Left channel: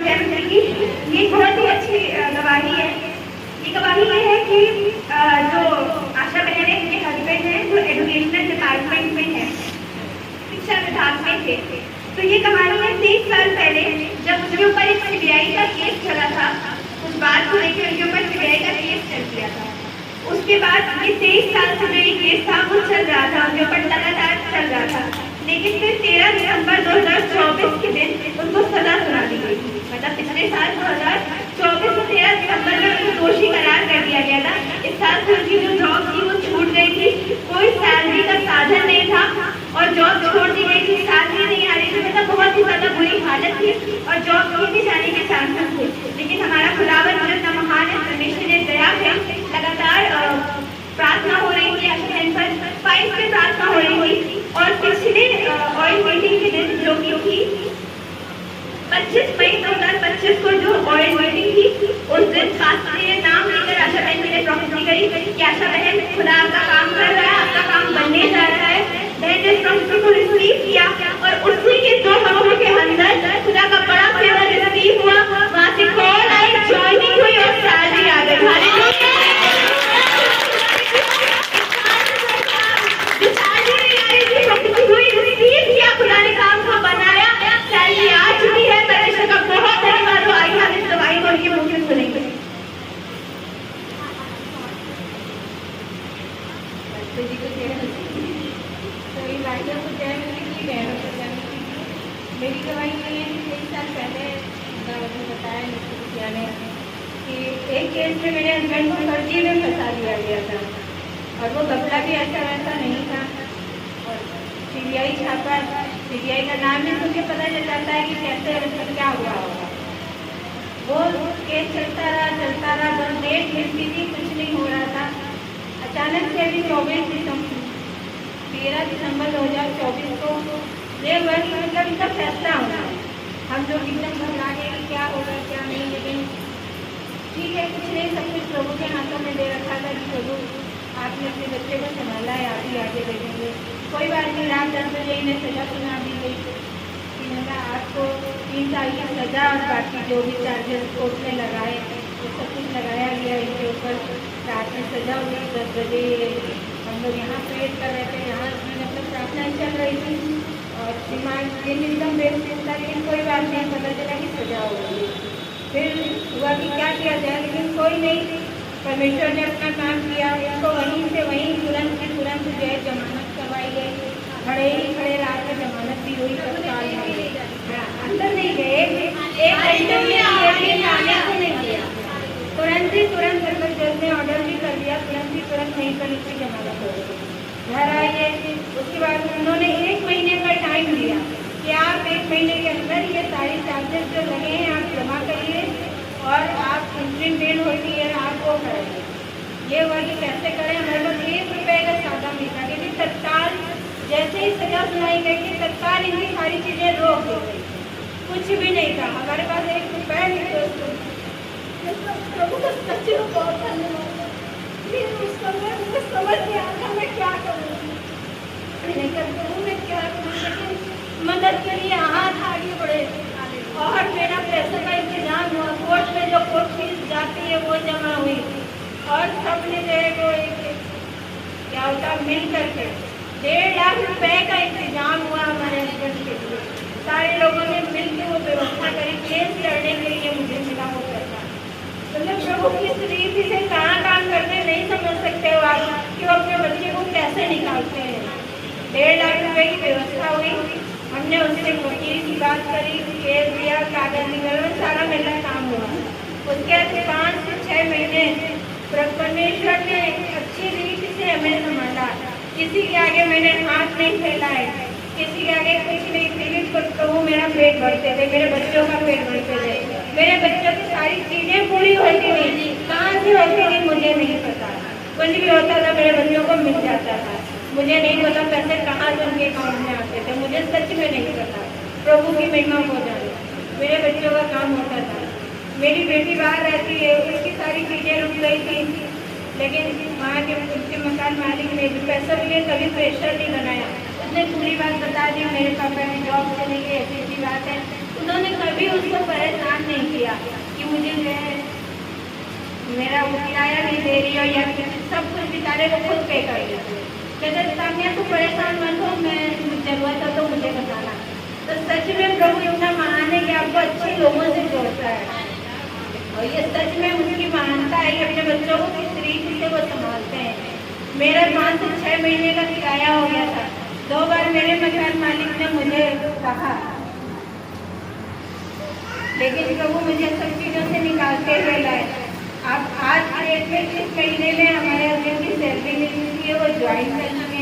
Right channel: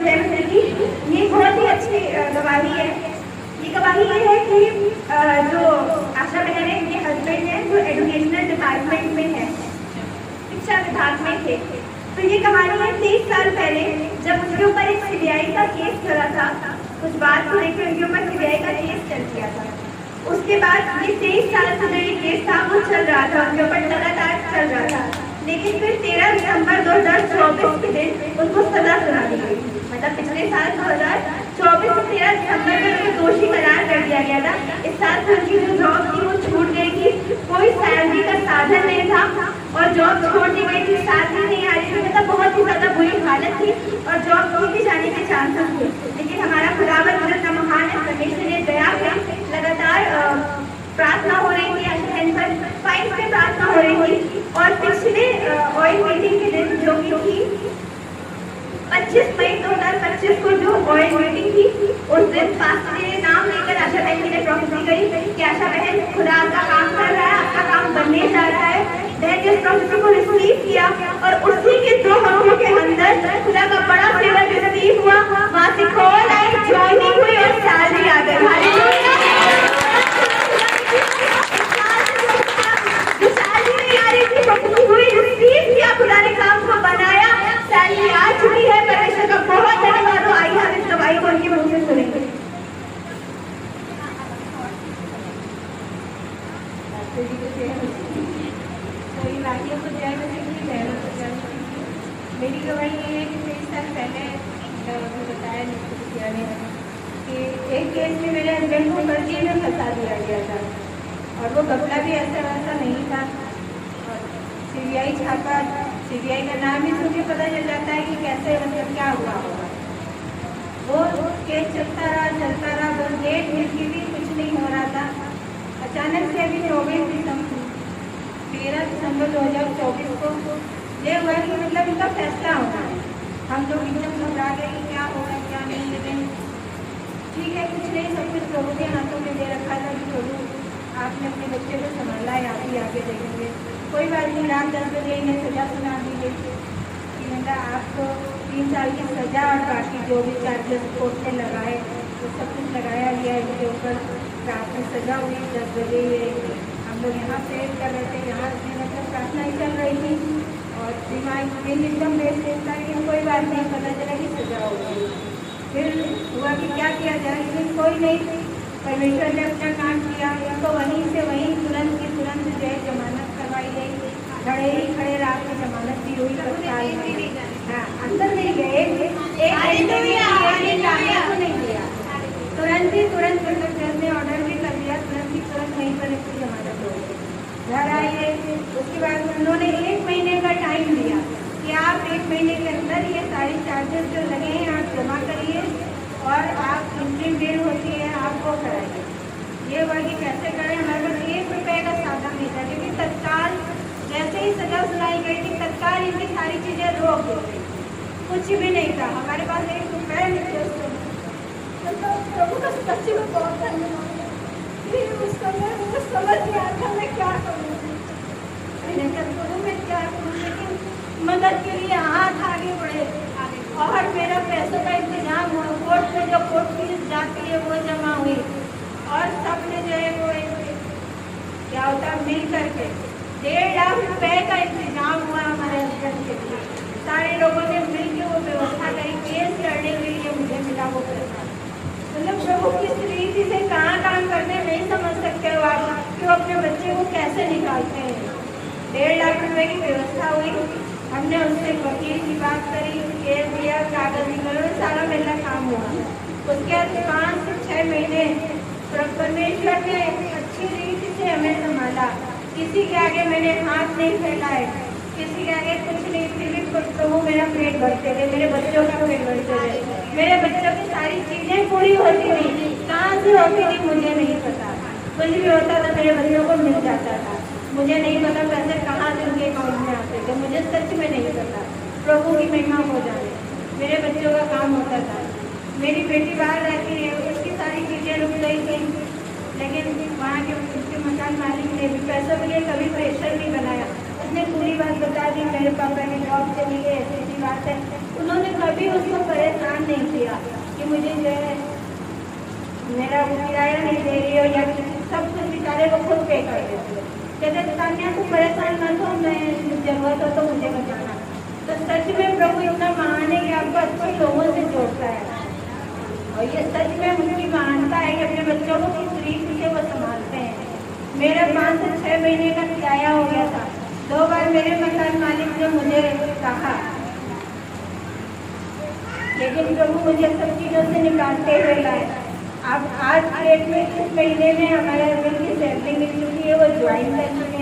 ये बहुत ही अच्छी गवाही है। ये गवाही ये है कि जो आशा बहन है, इनके हस्बैंड है जो एजुकेशनल डिपार्टमेंट में है, शिक्षा विभाग में थे। तो ये कहानी है 23 साल पहले जब उनके ऊपर एक सीबीआई का केस चला था। कुछ बात को लेकर उनके ऊपर सीबीआई का केस चल गया था। उसके बाद ये 23 साल से जो ये केस था वो चल रहा था, उनके ऊपर लगातार चल रहा था। लेकिन फिर 13 दिसंबर 2024 के दिन उनको सजा सुना दी गई। मतलब पिछले साल 2024 से 13 दिसंबर में उनको दोषी करार कर दिया गया था। इस साल से उनकी जो जॉब थी वो छूट गई थी, कोई सैलरी का साधन नहीं था और जॉब छोड़ दी गई थी, सैलरी नहीं आ रही थी। मतलब बहुत ही ज्यादा बुरी हालत थी और जॉब छूट भी जाने के चांसेस थे। लेकिन हमारा खुदावंद जितना महान है, परमेश्वर ने दया है, लगातार प्रार्थना हो रही थी, आशा पर फाइल पे प्रार्थना हो रही थी। और पिछले ऑयल मीटिंग के दिन जो कि थी 25 मई 2025 को जो ऑयल मीटिंग थी, उस दिन पास्टर ने नाम लेकर आशा बहन के लिए प्रॉमिस करी कि आशा बहन खुदा आपका काम कर रहा है, आपका काम बनने जा रहा है। मैंने जिस प्रॉमिस को रिसीव किया और उसी के 2 हफ्तों के अंदर खुदा का बड़ा फेवर रिसीव हुआ। वहां से कॉल आई, ज्वाइनिंग हुई और सैलरी आ गई। मेरी गवाही ये है कि 3 साल पहले बताया कि एक केस में मेरे हस्बैंड को फर्जी में फंसा दिया गया था और वो कपड़ा भी ऐसा वैसा नहीं था। और सीबीआई छापा, सीबीआई का नाम भी सुन के पता चल जाता है कि कैसे मतलब क्या हुआ होगा। वो केस चलता रहा, बस डेट मिलती थी, कुछ नहीं हो रहा था। अचानक से अभी 13 दिसंबर 2024 को ये हुआ कि मतलब इनका फैसला होना है। हम लोग एकदम घबरा गए कि क्या होगा क्या नहीं। लेकिन ठीक है, कुछ नहीं, सब कुछ प्रभु के हाथों में दे रखा था कि प्रभु आपने अपने बच्चे को संभाला है, आप ही आगे देखेंगे। कोई बात नहीं, राम जन्मदिन में सजा सुना दी गई कि मतलब आपको 3 साल की सजा और बाकी जो भी चार्जेस कोर्ट में लगाए वो सब कुछ लगाया गया। इनके ऊपर रात में सजा हुई 10 बजे। हम लोग यहाँ प्रेयर कर रहे थे, यहाँ मतलब प्रार्थना चल रही थी और दिमाग एकदम देखते था। लेकिन कोई बात नहीं, पता चला कि सजा हो गई। फिर हुआ कि क्या किया जाए, लेकिन कोई नहीं, परमेश्वर ने अपना काम किया। इनको वहीं से वहीं तुरंत की तुरंत जो है जमानत करवाई गई। खड़े रात में जमानत भी हुई। हाँ, अंदर नहीं गए, 1 घंटे भी आने को नहीं दिया। तुरंत मतलब जज ने ऑर्डर भी कर दिया, तुरंत वहीं पर इसकी जमानत हो गई। घर आइए, उसके बाद उन्होंने 1 महीने का टाइम दिया कि आप 1 महीने के अंदर ये सारी चार्जेस जो लगे हैं आप जमा करिए और आप इंट्रीम बिल होती है आप वो कराइए। ये हुआ कि कैसे करें, हमारे पास 1 रुपये का साधन नहीं था क्योंकि तत्काल जैसे ही सजा सुनाई गई थी तत्काल इनकी सारी चीज़ें रोक दी गई। कुछ भी नहीं था हमारे पास, 1 रुपये नहीं थे। प्रभु का सच्चे में बहुत धन्यवाद। फिर उस समय मुझे समझ नहीं आता मैं क्या करूँ, मैं क्या करूँ। लेकिन मदद के लिए हाथ आगे बढ़े और मेरा पैसे का इंतजाम हुआ। कोर्ट में जो कोर्ट फीस जाती है वो जमा हुई और सबने जो है वो एक क्या होता मिल करके 1.5 लाख रुपए का इंतजाम हुआ हमारे हस्बैंड के लिए। सारे लोगों ने मिल के वो व्यवस्था करी, केस लड़ने के लिए मुझे मिला वो पैसा। मतलब प्रभु किस रीति से कहाँ काम करते नहीं समझ सकते हो आप कि वो अपने बच्चे को कैसे निकालते हैं। 1.5 लाख रुपए की व्यवस्था हुई। हमने उनसे वकील की बात करी, केस दिया, कागज निकल, सारा मेरा काम हुआ। उसके बाद 5 से 6 महीने परमेश्वर ने अच्छी रीति से हमें संभाला। किसी के आगे मैंने हाथ नहीं फैलाए, किसी के आगे कुछ नहीं फिर प्रभु मेरा पेट भरते थे, मेरे बच्चों का पेट भरते थे, मेरे बच्चों की सारी चीजें पूरी होती थी। कहाँ से होती थी मुझे नहीं पता, कुछ भी होता था मेरे बच्चों को मिल जाता था। मुझे नहीं पता पैसे कहाँ से उनके अकाउंट में आते थे, मुझे सच में नहीं पता। प्रभु की महिमा हो जाए, मेरे बच्चों का काम होता था। मेरी बेटी बाहर रहती है, उसकी सारी चीज़ें रुक गई थी, लेकिन वहाँ के उसके मकान मालिक ने पैसों के लिए कभी प्रेशर नहीं बनाया। उसने पूरी बात बता दी, मेरे पापा की जॉब चली गई, ऐसी बात है। उन्होंने कभी उसको परेशान नहीं किया कि मुझे जो है मेरा वो किराया नहीं दे रही हो या सब कुछ बेचारे को खुद पे कर देते हो। कहते तान्या तू परेशान मत हो, मैं जरूरत हो तो मुझे बताना। तो सच में प्रभु इतना महान है कि आपको अच्छे लोगों से जोड़ता है और ये सच में उनकी महानता है कि अपने बच्चों को किस तरीके से वो संभालते हैं। मेरा 5 से 6 महीने का किराया हो गया था। 2 बार मेरे मकान मालिक ने मुझे कहा, लेकिन प्रभु मुझे सब चीज़ों से निकालते हुए लाए। अब आज के डेट में 6 महीने में हमारे हस्बैंड की सैलरी मिल रही है, वो ज्वाइन कर चुके